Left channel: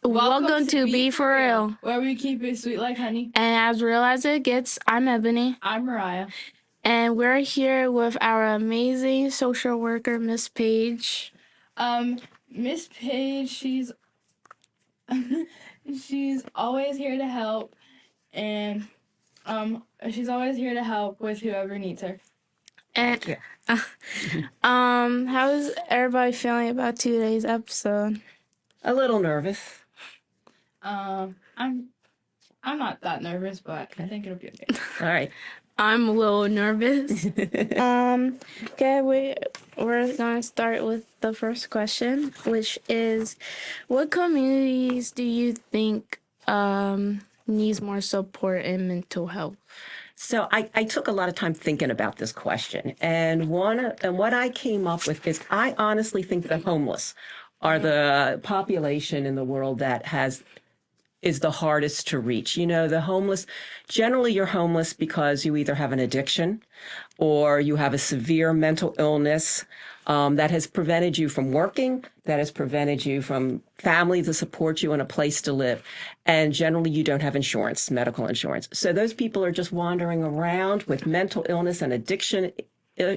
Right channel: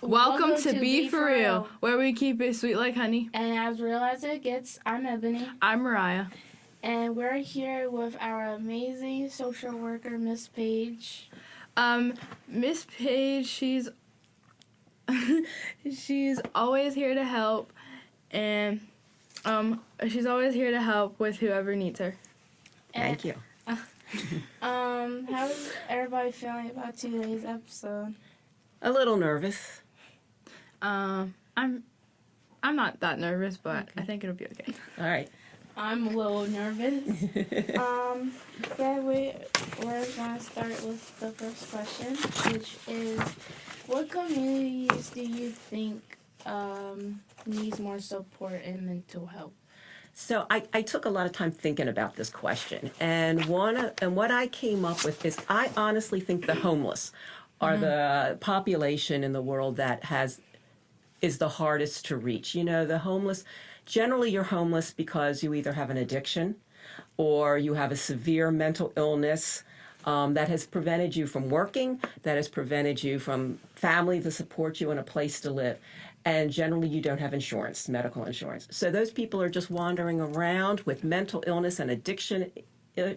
Welcome to Be For Real, where we keep it sweet like honey. and as real as it gets, I'm Ebony, I'm Mariah. and we're here with our amazing social worker, Miss Paige. Miss Paige, she's she's always here to help, and she's always here to help with whoever needs her. And, Thank you. How's everybody feeling about today's episode? A little nervous. I'm not that nervous, but I think it'll be okay. All right. I'm a little nervous. Okay, we're going to start with the first question, which is, what communities do you think needs more support in mental health? So I took a lot of time thinking about this question, and what I came up with is I honestly think the homeless are the population in the world that is the hardest to reach. You know, the homeless, generally you're homeless because you either have an addiction or you have a severe mental illness that has prevented you from working, that has prevented you from family to support you and a place to live. And generally you don't have insurance, medical insurance. So those people are just wandering around with mental illness and addiction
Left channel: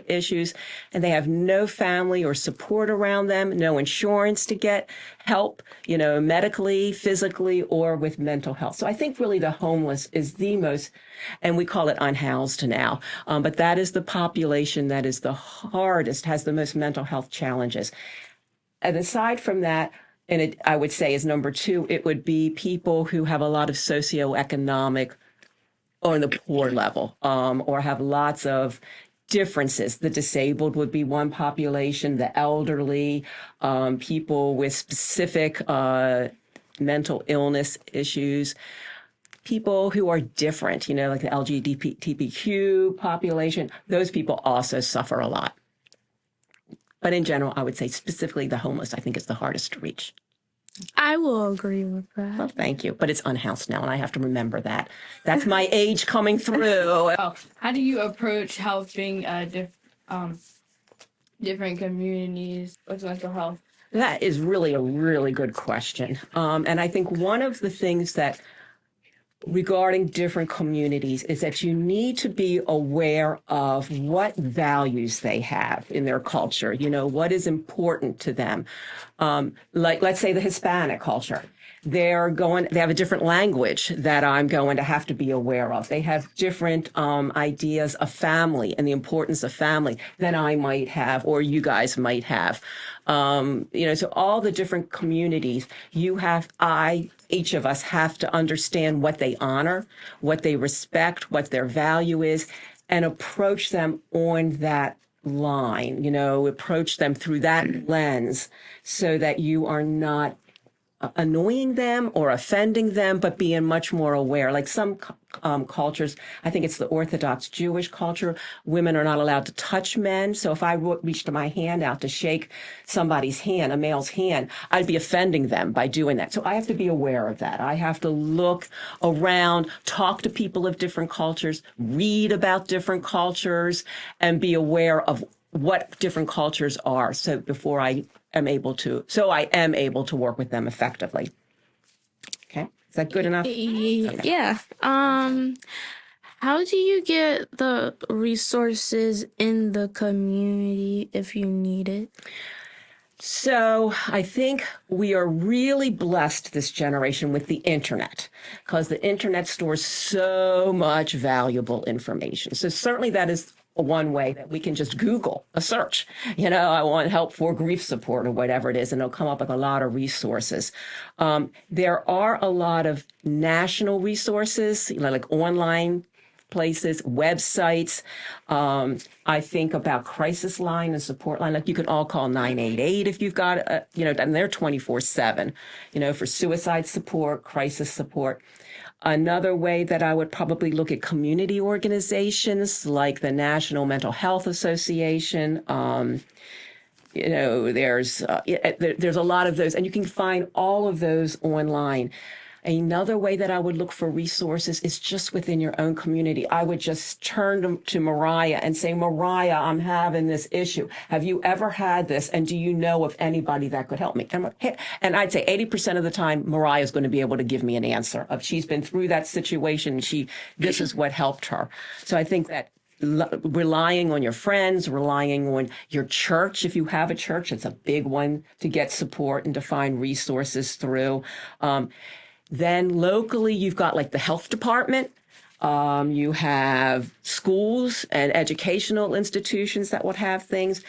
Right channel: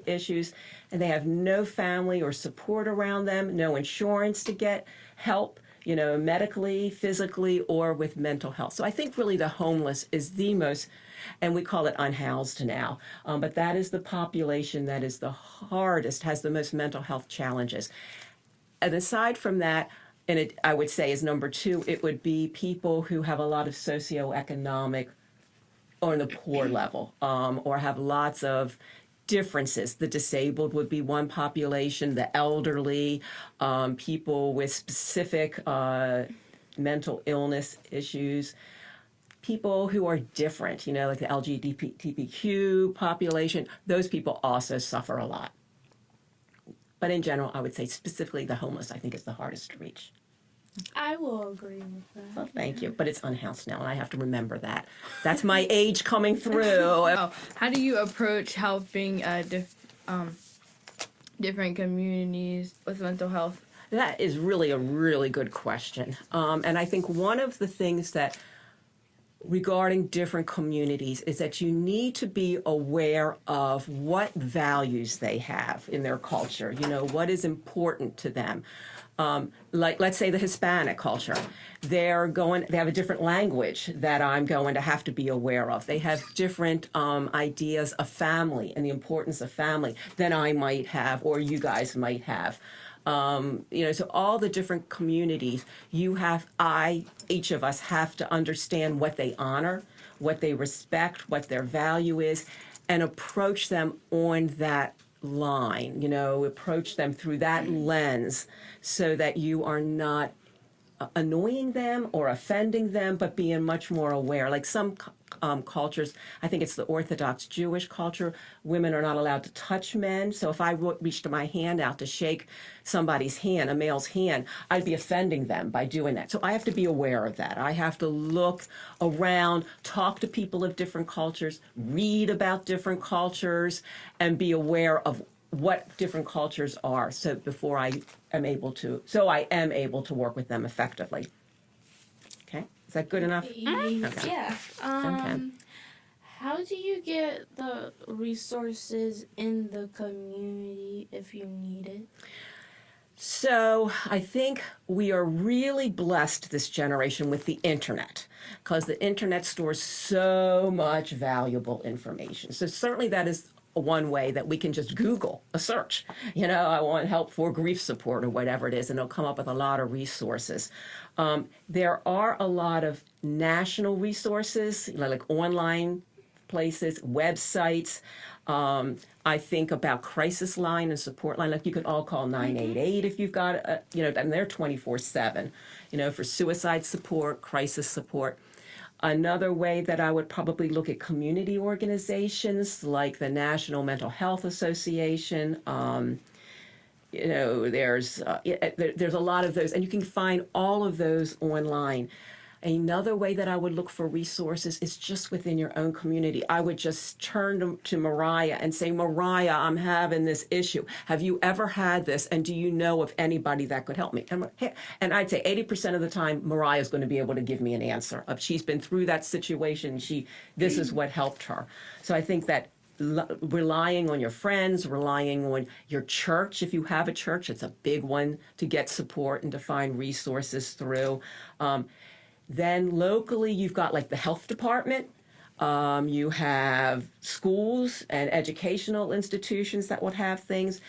issues, and they have no family or support around them, no insurance to get help, you know, medically, physically, or with mental health. So I think really the homeless is the most, and we call it unhoused now, but that is the population that is the hardest, has the most mental health challenges. And aside from that, I would say is number two, it would be people who have a lot of socioeconomic on the poor level, or have lots of differences. The disabled would be one population, the elderly, people with specific mental illness issues, people who are different, you know, like the LGBTQ population. Those people also suffer a lot. But in general, I would say specifically the homeless, I think, is the hardest to reach. I will agree with that. Well, thank you. But it's unhoused now, and I have to remember that. That's my age coming through. Oh, how do you approach helping different communities with mental health? That is really a really good question. And I think one of the things that regarding different communities is that you need to be aware of what values they have in their culture, you know, what is important to them. Like, let's say the Hispanic culture. They have a different language that I'm going to have to be aware of. They have different ideas of family and the importance of family than I might have or you guys might have. You know, so all the different communities, each of us have to understand what they honor, what they respect, what their value is, and approach them on that line, you know, approach them through that lens so that you are not annoying them or offending them, but being much more aware. Like some cultures, I think it's the Orthodox Jewish culture, women are not allowed to touch men. So if I reached my hand out to shake somebody's hand, a male's hand, I'd be offending them by doing that. So I have to be aware of that. I have to look around, talk to people of different cultures, read about different cultures, and be aware of what different cultures are. So before I am able to work with them effectively. Okay, is that good enough? Yeah. How do you get the resources in the community if you need it? So I think we are really blessed this generation with the internet because the internet stores so much valuable information. So certainly that is one way that we can just Google a search. You know, I want help for grief support or whatever it is, and it'll come up with a lot of resources. There are a lot of national resources, you know, like online places, websites. I think about crisis line and support line. Like you can all call 988 if you've got, you know, and they're 24/7, you know, for suicide support, crisis support. Another way that I would probably look at community organizations like the National Mental Health Association. You know, there's a lot of those, and you can find all of those online. Another way that I would look for resources is just within your own community. I would just turn to Mariah and say, Mariah, I'm having this issue. Have you ever had this? And do you know of anybody that could help me? And I'd say 80% of the time, Mariah is going to be able to give me an answer. If she's been through that situation, this is what helped her. So I think that relying on your friends, relying on your church. If you have a church, it's a big one to get support and to find resources through. Then locally, you've got like the health department. You have schools and educational institutions that would have things.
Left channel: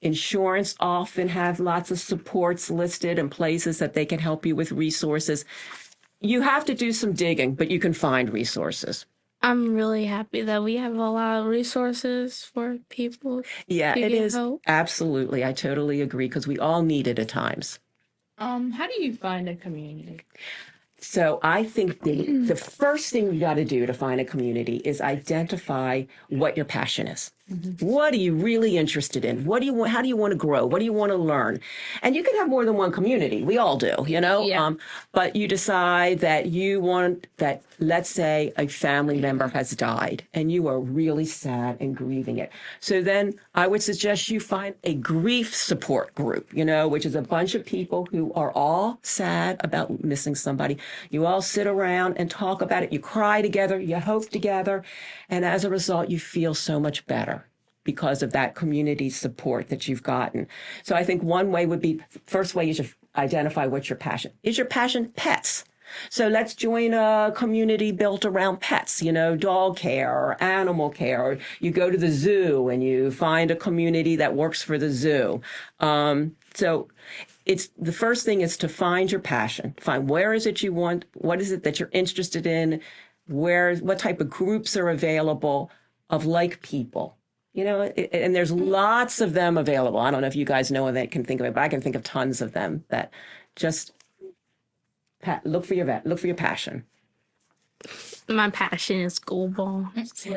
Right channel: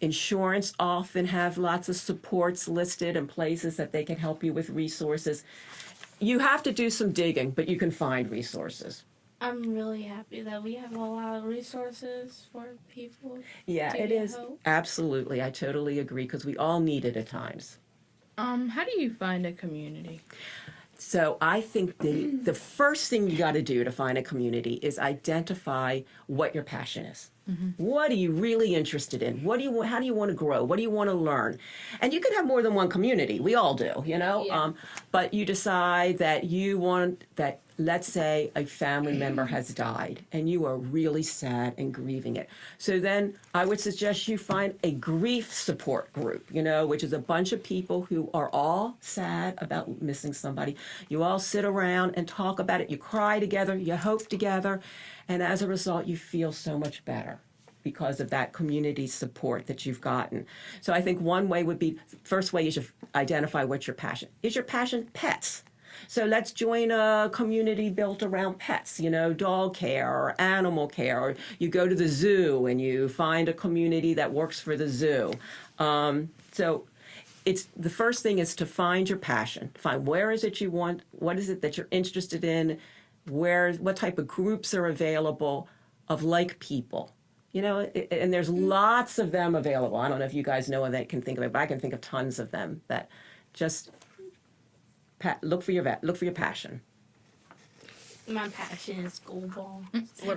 Insurance often have lots of supports listed and places that they can help you with resources. You have to do some digging, but you can find resources. I'm really happy that we have a lot of resources for people. Yeah, to it get is. help. Absolutely. I totally agree because we all need it at times. How do you find a community? So I think the first thing you got to do to find a community is identify what your passion is. Mm-hmm. What are you really interested in? What do you want? How do you want to grow? What do you want to learn? And you can have more than one community. We all do, you know. Yeah. But you decide that you want that. Let's say a family member has died, and you are really sad and grieving it. So then I would suggest you find a grief support group. You know, which is a bunch of people who are all sad about missing somebody. You all sit around and talk about it. You cry together. You hope together. And as a result, you feel so much better because of that community support that you've gotten. So I think one way would be, first way is to identify what's your passion. Is your passion pets? So let's join a community built around pets, you know, dog care or animal care. Or you go to the zoo and you find a community that works for the zoo. So it's the first thing is to find your passion. Find where is it you want, what is it that you're interested in, what type of groups are available of like people. You know, and there's lots of them available. I don't know if you guys know that can think of it, but I can think of tons of them that just look for your passion. My passion is school ball.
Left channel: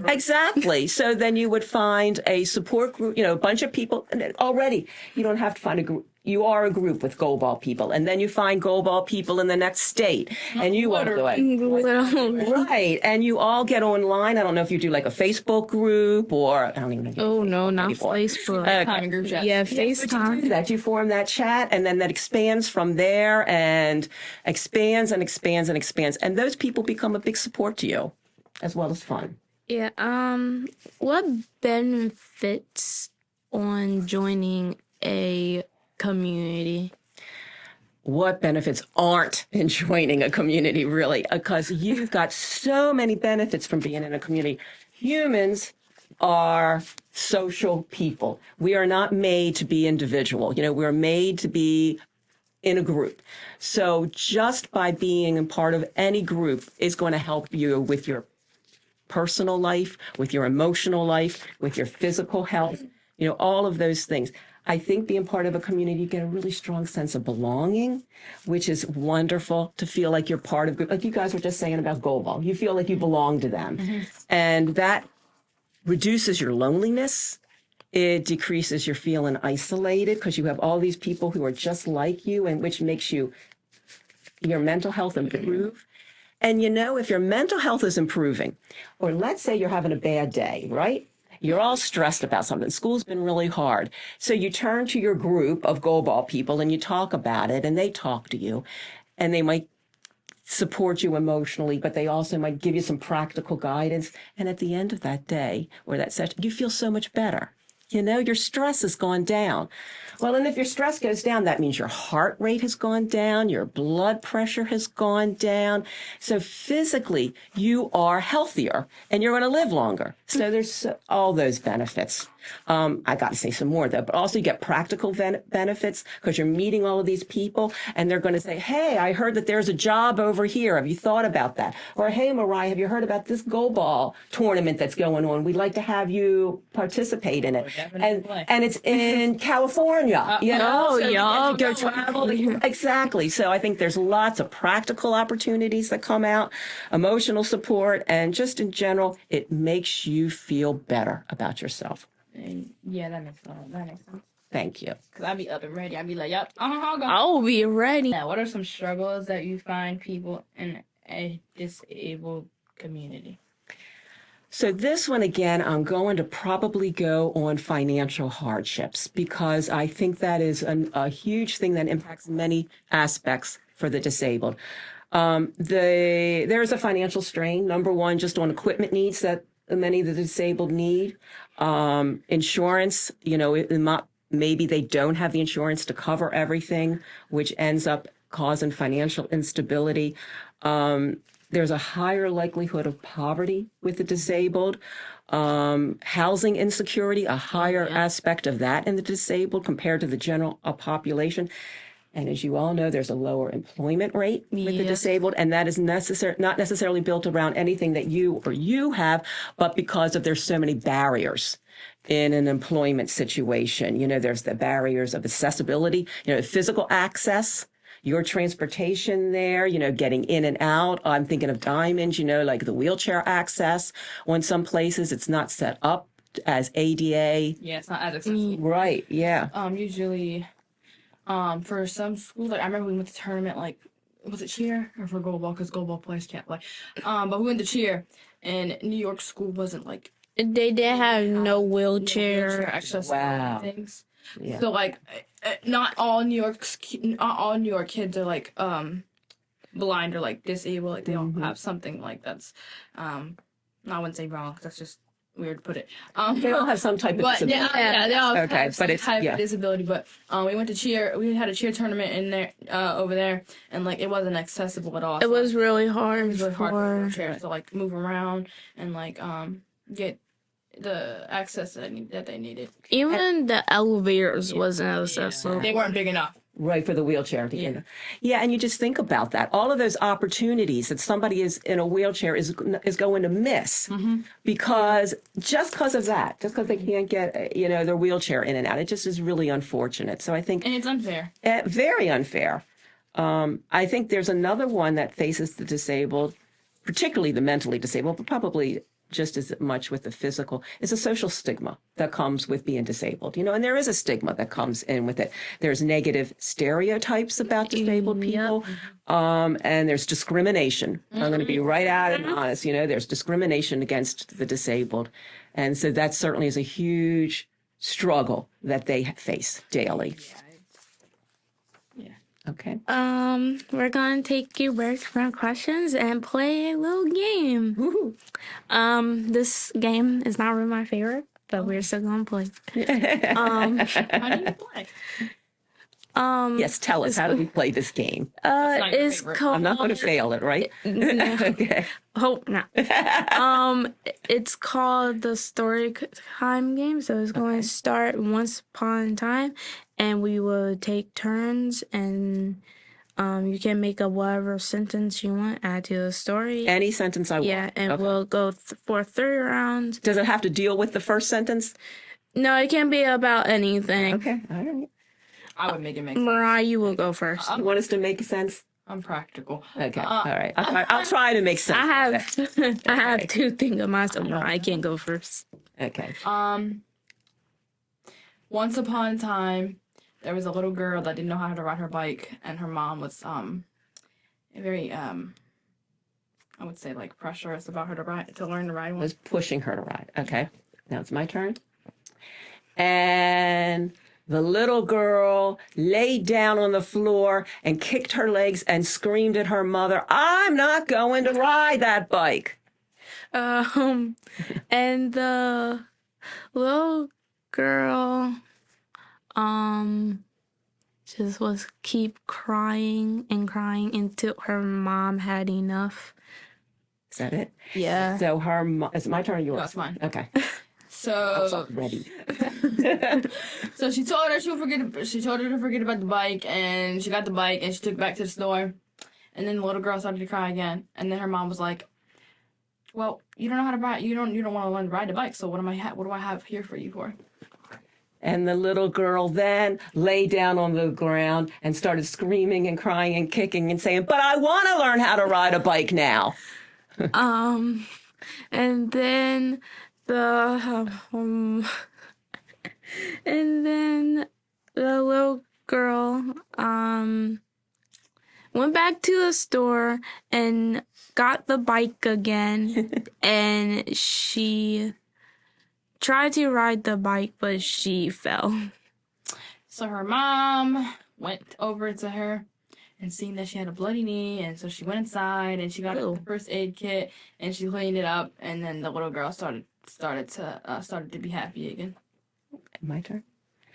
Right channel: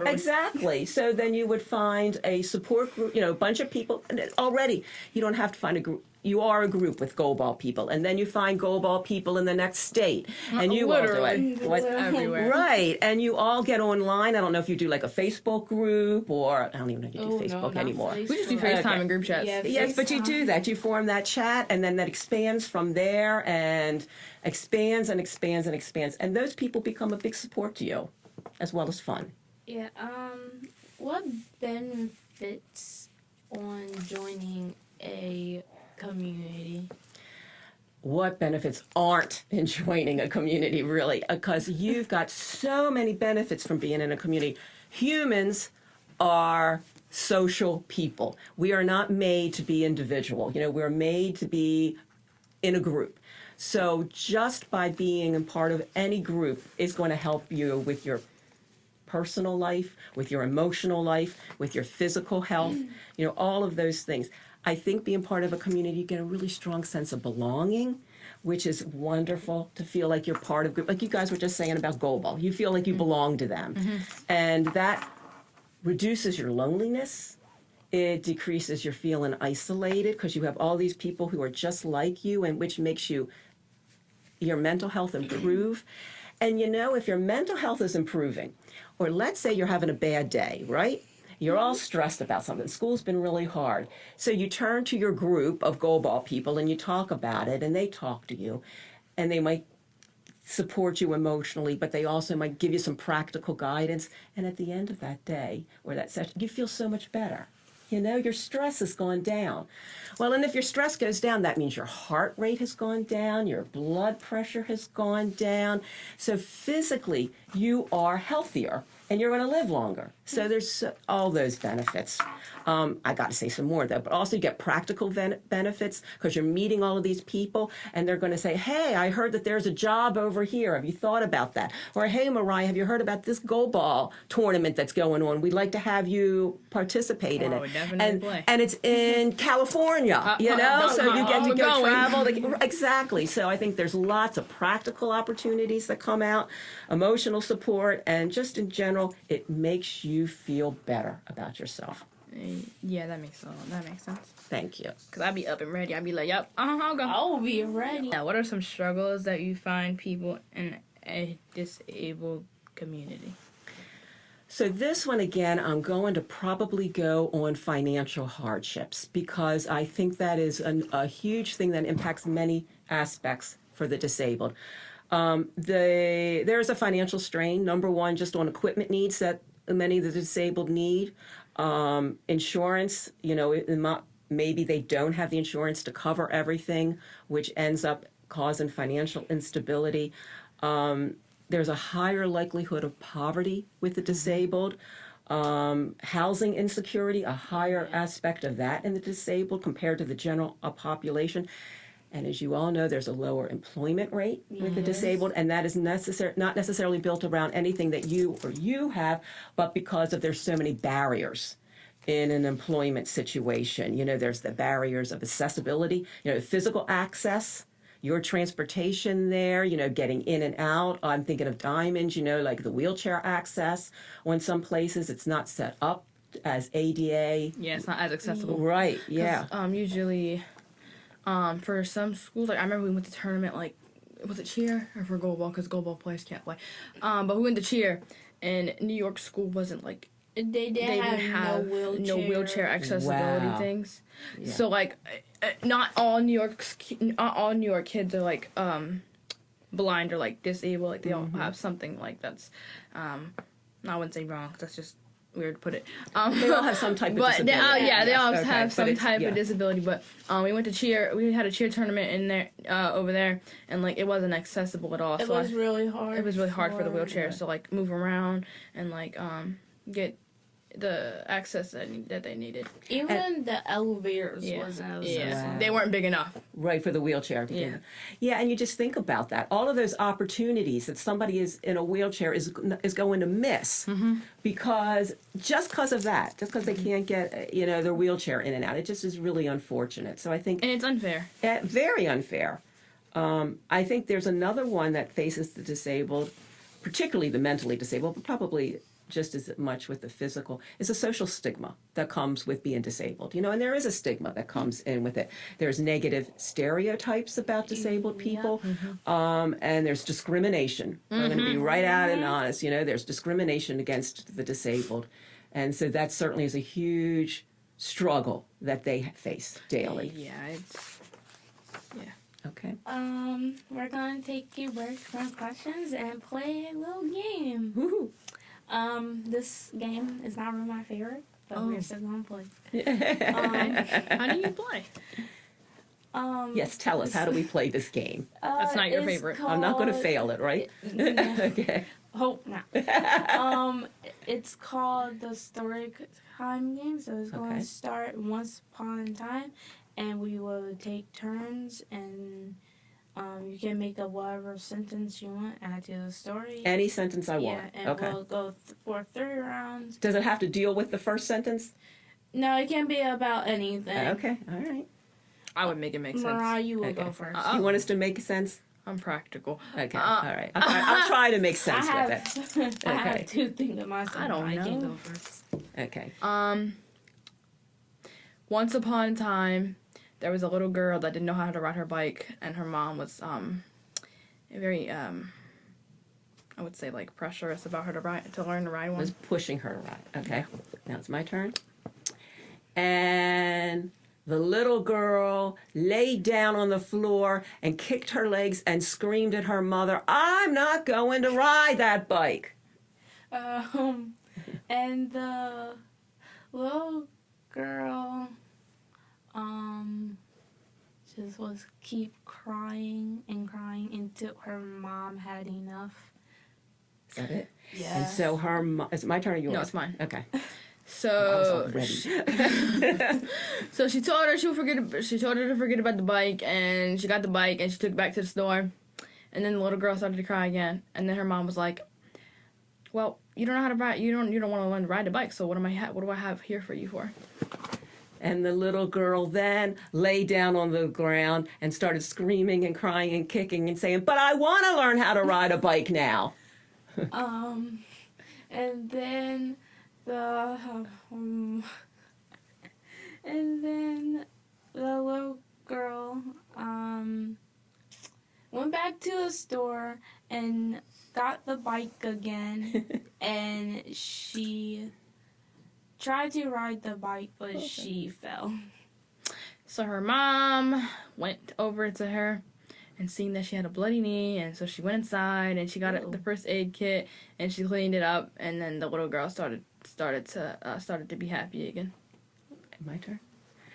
Exactly. So then you would find a support group, you know, a bunch of people, and already you don't have to find a group. You are a group with goalball people, and then you find goalball people in the next state, and you all do it. Right, and you all get online. I don't know if you do like a Facebook group or I don't even know if you do Oh, Facebook no, not anymore. Facebook. FaceTime group chat. Yeah, Yes, but you FaceTime. do that. You form that chat, and then that expands from there and expands and expands and expands. And those people become a big support to you, as well as fun. Yeah. What benefits on joining a community? What benefits aren't in joining a community, really? Because you've got so many benefits from being in a community. Humans are social people. We are not made to be individual. You know, we're made to be in a group. So just by being a part of any group is going to help you with your personal life, with your emotional life, with your physical health, you know, all of those things. I think being part of a community, you get a really strong sense of belonging, which is wonderful to feel like you're part of a group. Like you guys were just saying about goalball. You feel like you belong to them. Mm-hmm. And that reduces your loneliness. It decreases your feeling isolated because you have all these people who are just like you, and which makes your mental health improve. And you know, if your mental health is improving, or let's say you're having a bad day, right? You're all stressed about something. School's been really hard. So you turn to your group of goalball people and you talk about it, and they talk to you, and they might support you emotionally, but they also might give you some practical guidance. And at the end of that day or that session, you feel so much better. You know, your stress has gone down. Well, and if your stress goes down, that means your heart rate has gone down, your blood pressure has gone down. So physically, you are healthier and you're going to live longer. So there's all those benefits. I got to say some more, though, but also you get practical benefits because you're meeting all of these people, and they're going to say, hey, I heard that there's a job over here. Have you thought about that? Or, hey, Mariah, have you heard about this goalball tournament that's going on? We'd like to have you participate in it. And it's in California, you know, so you get to go travel. Exactly. So I think there's lots of practical opportunities that come out, emotional support, and just in general, it makes you feel better about yourself. And yeah, that makes sense. Thank you. Cause I'd be up and ready. I'd be like, yep, I'll go. I'll be ready. Yeah, what are some struggles that you find people in a disabled community? So this one again, I'm going to probably go on financial hardships because I think that is a huge thing that impacts many aspects for the disabled. There's a financial strain, number one, just on equipment needs that many of the disabled need. Insurance, maybe they don't have the insurance to cover everything, which ends up causing financial instability. There's a higher likelihood of poverty with the disabled. Housing insecurity, a higher aspect of that in the disabled compared to the general population. And as you all know, there's a lower employment rate with the disabled, and that is not necessarily built around anything that you have, but because of there's so many barriers in an employment situation. There's the barriers of accessibility, physical access, your transportation there, getting in and out. I'm thinking of Diamonds, like the wheelchair access. On some places, it's not set up as ADA. Yeah, it's not as accessible. Right, yeah. Usually, for some schools, like I remember we went to tournament, like, was it cheer or for goalball? Because goalball players can't play. But we went to cheer, and New York school wasn't like. They didn't have no wheelchair accessibility things. Yeah. So like, not all New York kids are like blind or like disabled. Like they all have something like that's. I wouldn't say wrong. 'Cause that's just weird to put it. They all have some type of disability. They all Okay, have some but it's- type yeah. of disability. But we went to cheer. We had a cheer tournament in there over there, and like it wasn't accessible at all. It was really hard. It was really hard for the wheelchair. So like move around and like get the access that they needed. Even the elevators wasn't accessible. They weren't big enough. Right, for the wheelchair. Yeah, and you just think about that. All of those opportunities that somebody is in a wheelchair is going to miss because of that, just because they can't get their wheelchair in and out. It just is really unfortunate. So I think And it's unfair. very unfair. I think there's another one that faces the disabled, particularly the mentally disabled, but probably just as much with the physical, is a social stigma that comes with being disabled. And there is a stigma that comes in with it. There's negative stereotypes about disabled people, and there's discrimination. I'm going to be right out and honest. There's discrimination against the disabled. And so that certainly is a huge struggle that they face daily. Okay. We're gonna take your breaks from questions and play a little game. Woo. This game is not really my favorite, but we're still gonna play. How do you play? Yes, tell us, how do you play this game? That's not your It's favorite. called. I'm not going to fail it, right? Okay. Hope not. It's called the story time game. So it's going to start once upon a time, and we will take turns, and you can make up whatever sentence you want, add to the story. Any sentence I want. Yeah, and Okay. we'll go for 3 rounds. Does it have to deal with the first sentence? No, it can be about anything. Okay, all right. I would make it make sense. Mariah, you will go first. You want us to make sense? I'm practical. Okay, all right. I'll try to make sense I with it. have I have 2 things of myself. I don't I can know. go first. Okay. Once upon a time, there was a little girl that didn't know how to ride her bike, and her mom was very I would say like pressurous about her to learn to ride one. Was pushing her to ride. Okay. Now it's my turn. And the little girl laid down on the floor and kicked her legs and screamed at her mother, "I'm not going to ride that bike." And the little girl just was keep crying and crying until her mom had enough. Is that it? Yeah. So it's my turn or yours? No, it's mine. Okay. So, Ready. so she told her She told her to forget about the bike, and she got the bike and she took it back to the store. And then the little girl started to cry again. And then her mom was like, "Well, you don't know how to ride. You don't want to learn to ride a bike. So what do I have here for you for?" And the little girl then lay down on the ground and started screaming and crying and kicking and saying, "But I want to learn how to ride a bike now." And then the And then the little girl went back to the store and got the bike again. And she tried to ride the bike, but she fell. So her mom went over to her and seen that she had a bloody knee, and so she went inside and she got Ew. the first aid kit and she cleaned it up, and then the little girl started to be happy again. My turn.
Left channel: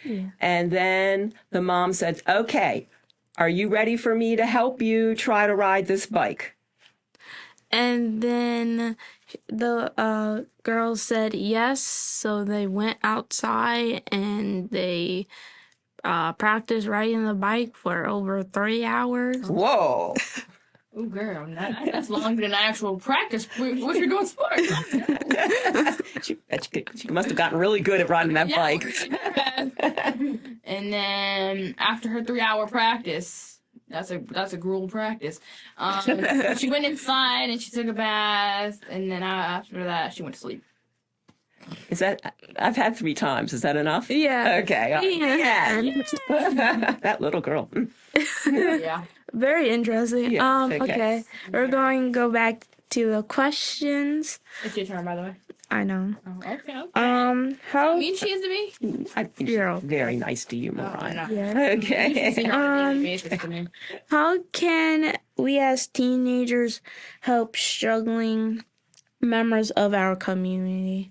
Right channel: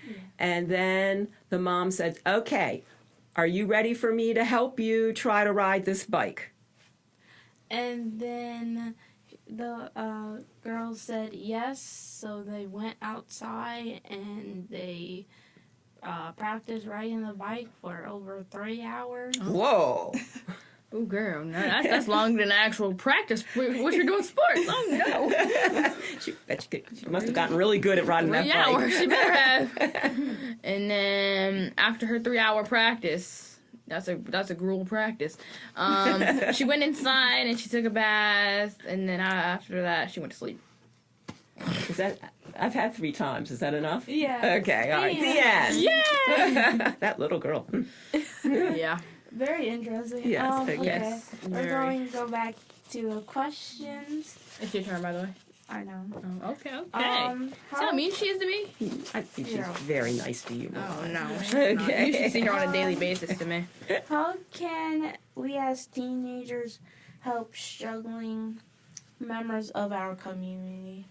Yeah. And then the mom said, "Okay, are you ready for me to help you try to ride this bike?" And then the girl said yes, so they went outside and they practiced riding the bike for over 3 hours. Whoa. Oh, girl, that's longer than actual practice. What you doing sports? No. She must have gotten really good at riding that Yeah, bike. she better have. And then after her 3-hour practice, that's a gruel practice. She went inside and she took a bath, and then after that she went to sleep. Is that? I've had 3 times. Is that enough? Yeah. Okay. All right. Yeah. That little girl. Yeah. Very interesting. Yes, Okay. yes. We're going to go back to the questions. It's your turn, by the way. I know. Oh, okay. How How mean she is to me? I think Zero. she's very nice to you, Oh, Mariah. no. Yeah. She's seen Okay. her on a daily basis to me. How can we as teenagers help struggling members of our community?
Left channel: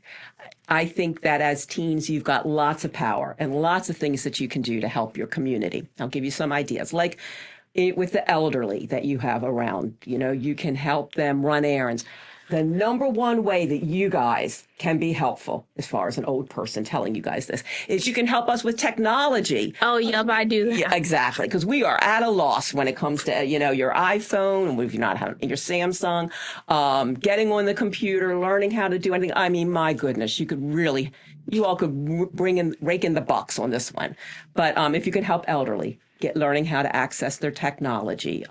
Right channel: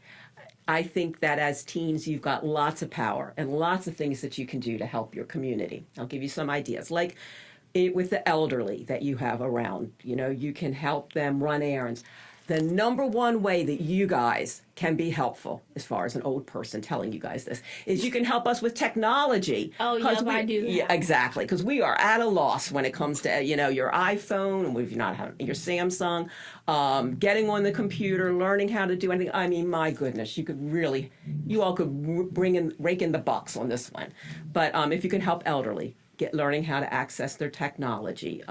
I think that as teens, you've got lots of power and lots of things that you can do to help your community. I'll give you some ideas. Like with the elderly that you have around, you can help them run errands. The number one way that you guys can be helpful, as far as an old person telling you guys this, is you can help us with technology. Oh, yep, I do that. Yeah, exactly, because we are at a loss when it comes to, your iPhone, if you're not having your Samsung, getting on the computer, learning how to do anything. I mean, my goodness, you all could rake in the bucks on this one. But if you can help elderly, learning how to access their technology.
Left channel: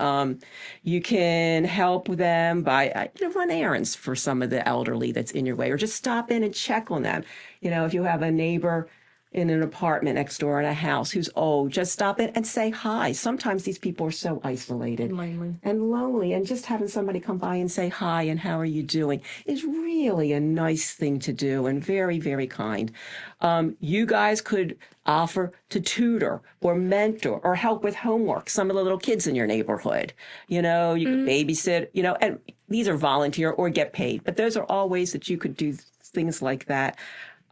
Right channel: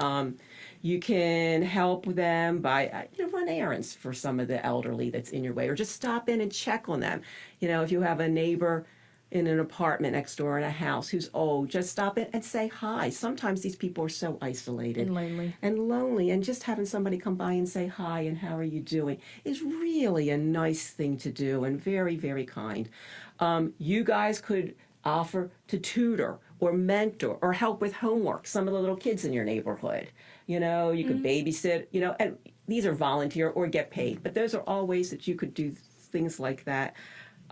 You can help them by run errands for some of the elderly that's in your way, or just stop in and check on them. If you have a neighbor in an apartment next door in a house who's old, just stop in and say hi. Sometimes these people are so isolated and lonely, and just having somebody come by and say hi and how are you doing is really a nice thing to do and very, very kind. You guys could offer to tutor or mentor or help with homework some of the little kids in your neighborhood. You could babysit, and these are volunteer or get paid, but those are all ways that you could do things like that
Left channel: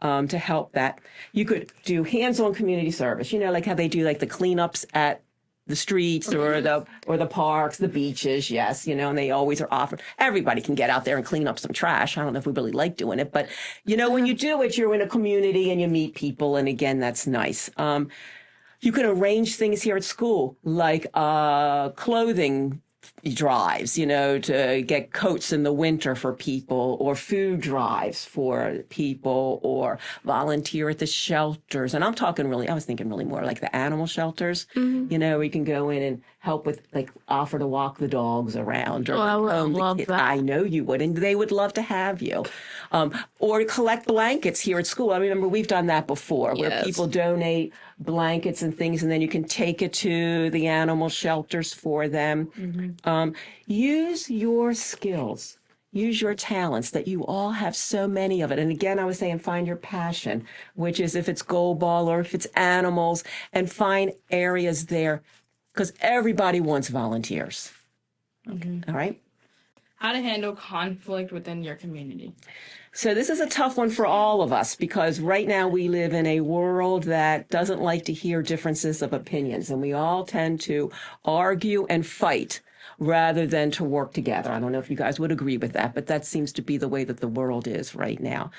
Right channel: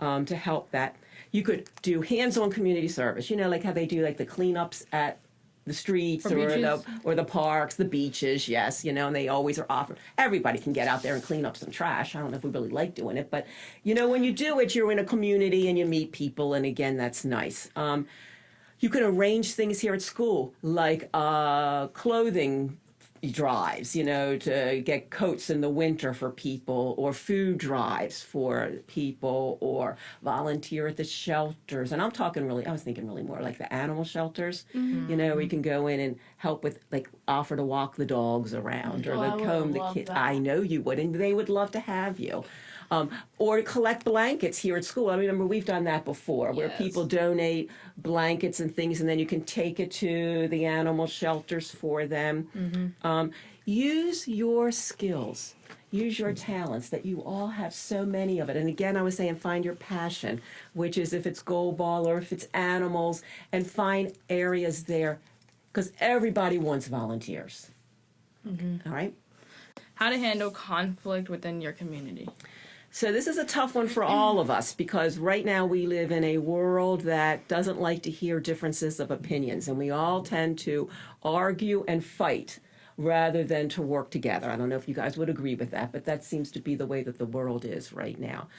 to help that. You could do hands-on community service, like how they do like the cleanups at the streets or the parks, the beaches, yes, and they always are offered. Everybody can get out there and clean up some trash. I don't know if we really like doing it, but when you do it, you're in a community and you meet people, and again, that's nice. You can arrange things here at school, like clothing drives, to get coats in the winter for people, or food drives for people, or volunteer at the shelters. And I was thinking really more like the animal shelters, where you can go in and help with, like, offer to walk the dogs around, or I would comb the love kids. that. I know you would, and they would love to have you. Or collect blankets here at school. I remember we've done that before, where Yes. people donate blankets and things, and then you can take it to the animal shelters for them. Use your skills. Use your talents that you all have so many of it. And again, I was saying find your passion, which is if it's goalball or if it's animals, and find areas there, because everybody wants volunteers. All right? How to handle conflict within your community. So this is a tough one for all of us, because right now we live in a world that doesn't like to hear differences of opinions, and we all tend to argue and fight rather than to work together. I don't know if you guys would agree with that, but that seems to be the way that the world is right now.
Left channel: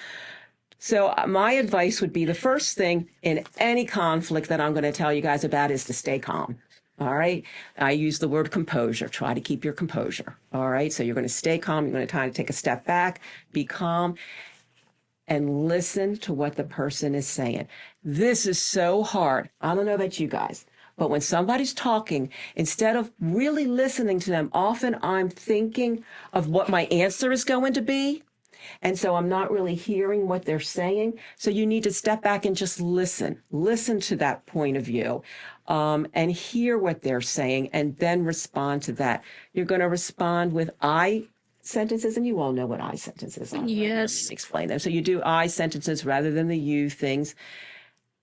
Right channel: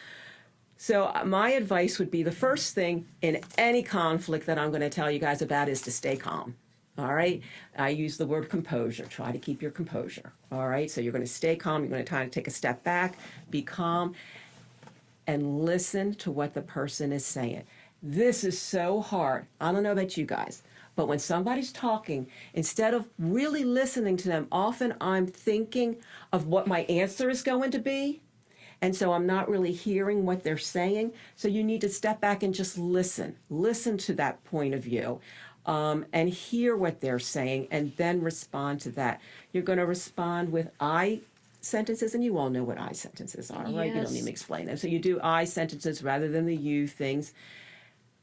So my advice would be, the first thing in any conflict that I'm going to tell you guys about is to stay calm. All right? I use the word composure. Try to keep your composure. All right? So you're going to stay calm. You're going to kind of take a step back, be calm, and listen to what the person is saying. This is so hard. I don't know about you guys, but when somebody's talking, instead of really listening to them, often I'm thinking of what my answer is going to be. And so I'm not really hearing what they're saying. So you need to step back and just listen to that point of view. And hear what they're saying and then respond to that. You're going to respond with I sentences, and you all know what I sentences are, right? You don't need Yes. me to explain them. So you do I sentences rather than the you things.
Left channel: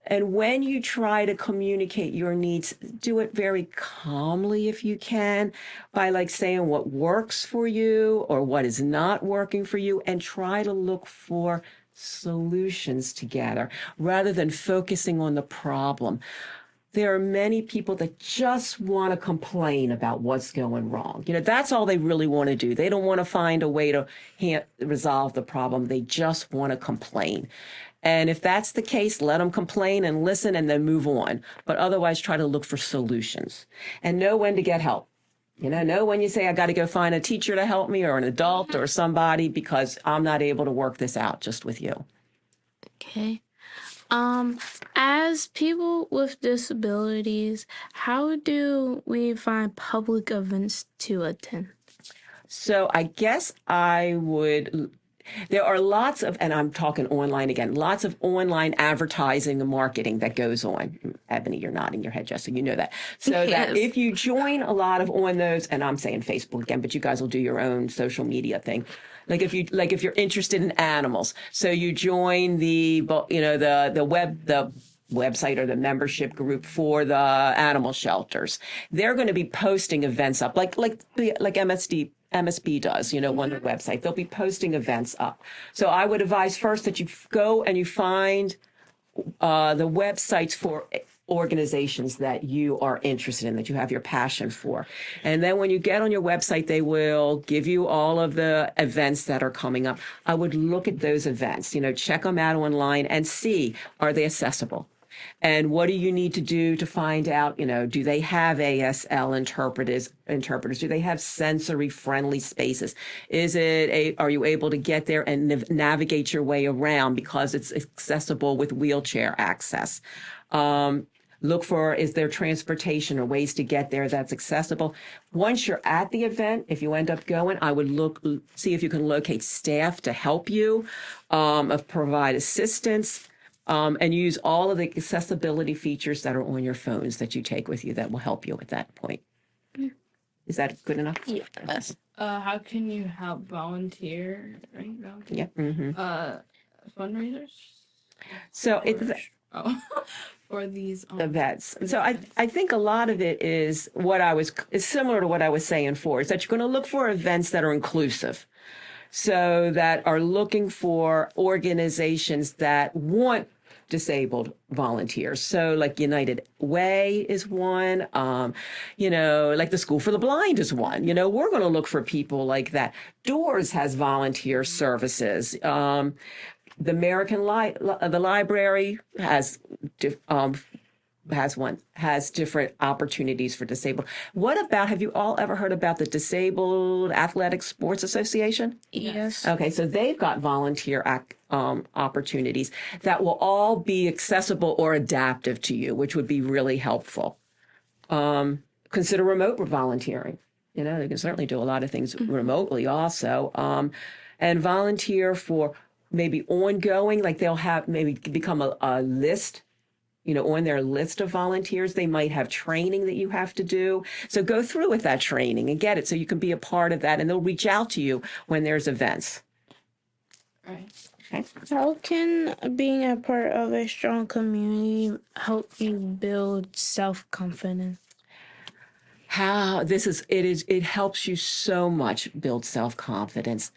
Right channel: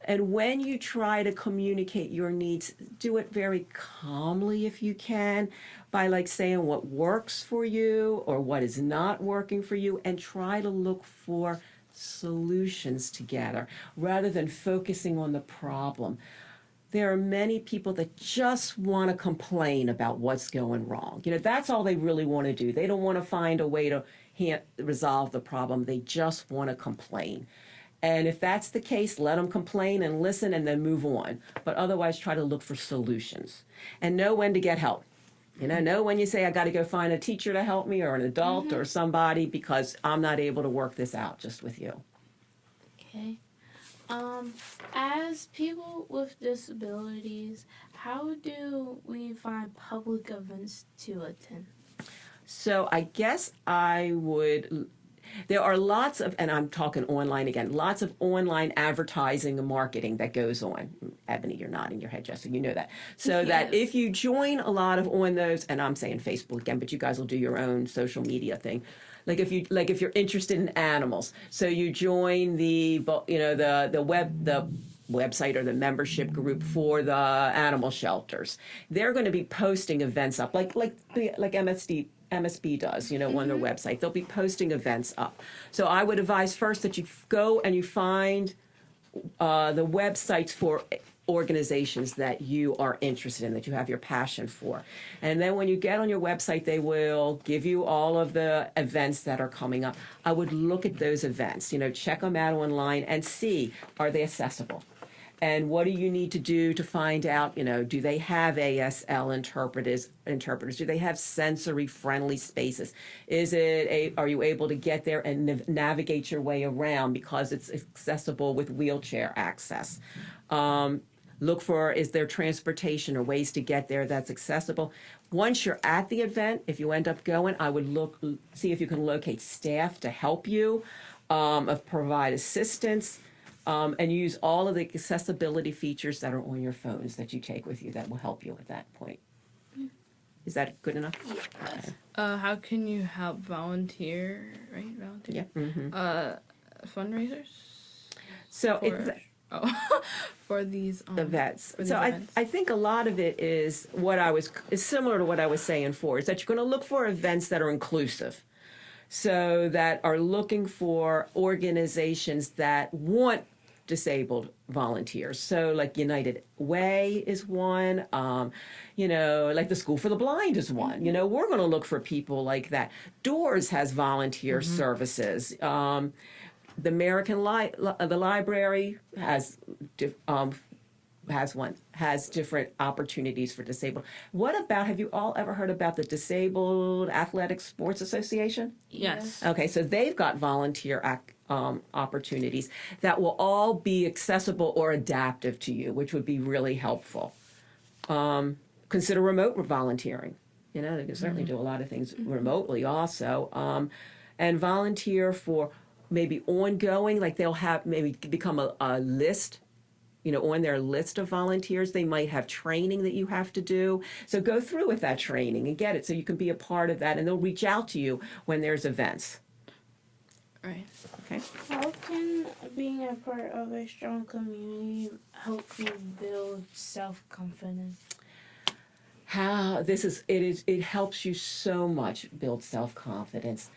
And when you try to communicate your needs, do it very calmly if you can, by like saying what works for you or what is not working for you, and try to look for solutions together rather than focusing on the problem. There are many people that just want to complain about what's going wrong. That's all they really want to do. They don't want to find a way to resolve the problem. They just want to complain. And if that's the case, let them complain and listen and then move on. But otherwise, try to look for solutions and know when to get help. Know when you say, I got to go find a teacher to help me or an adult or somebody because I'm not able to work this out just with you. Okay. As people with disabilities, how do we find public events to attend? So I guess there are lots of, and I'm talking online again, lots of online advertising and marketing that goes on. Ebony, you're nodding your head, Jessica, you know that. So that if you join a lot of on those, and I'm saying Facebook again, but you guys will do your own social media thing. Like if you're interested in animals, so you join the website or the membership group for the animal shelters. They're going to be posting events up, like MSB does, on their website. They'll be posting events up. So I would advise first that you go and you find the websites for organizations that you are interested in, that you have your passion for. And then when you get on your website, they will give you all of the events that are coming up. I would look at those events, check them out online and see, are they accessible? And what do you need to do to find out, do they have ASL interpreters? Do they have sensory friendly spaces? Are you able to get there and navigate your way around because it's accessible with wheelchair access? Look for, is there transportation or ways to get there that's accessible? Once you're at the event, if you end up going, I would see if you can locate staff to help you, provide assistance, and use all of the accessibility features that are on your phones that you take with you that will help you at that point. Is that good enough? Yes. How can you help volunteer, right? Volunteer? Yeah. Mm-hmm. Fundraisers? So for these events. these So events. I think a lot of it is similar to what I was saying before, is that you're going to look for events that are inclusive. So that are looking for organizations that want disabled volunteers. So like United Way is one, like the School for the Blind is one. We're going to look for people like that. Doors has volunteer services. The the library has different opportunities for disabled. What about, have you all ever heard about the Disabled Athletic Sports Association? Yes. Okay, so they've got volunteer opportunities that will all be accessible or adaptive to you, which would be really helpful. Consider remote volunteering. They can certainly do a lot of things remotely also. And volunteer for maybe ongoing, like they'll have maybe become a list, on their list of volunteers. They might have training that you have to do. So go through with that training and get it so you can be a part of that, and they'll reach out to you when there's events. Right. Okay. How can being a part of a strong community help you build self-confidence? It helps you so much build self-confidence.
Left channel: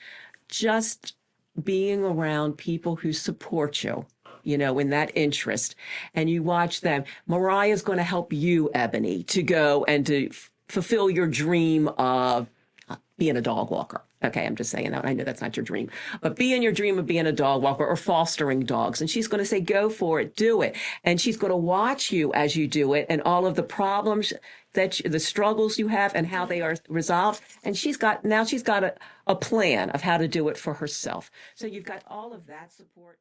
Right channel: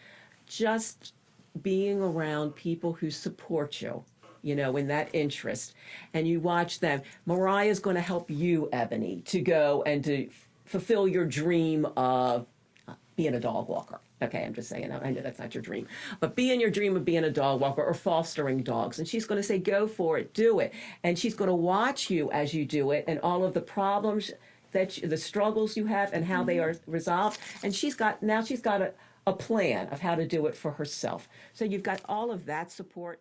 Just being around people who support you, in that interest, and you watch them. Mariah's going to help you, Ebony, to go and to fulfill your dream of being a dog walker. Okay, I'm just saying that. I know that's not your dream. But being your dream of being a dog walker or fostering dogs. And she's going to say, go for it, do it. And she's going to watch you as you do it and all of the problems the struggles you have and how they are resolved. And she's got a plan of how to do it for herself. So you've got all of that support.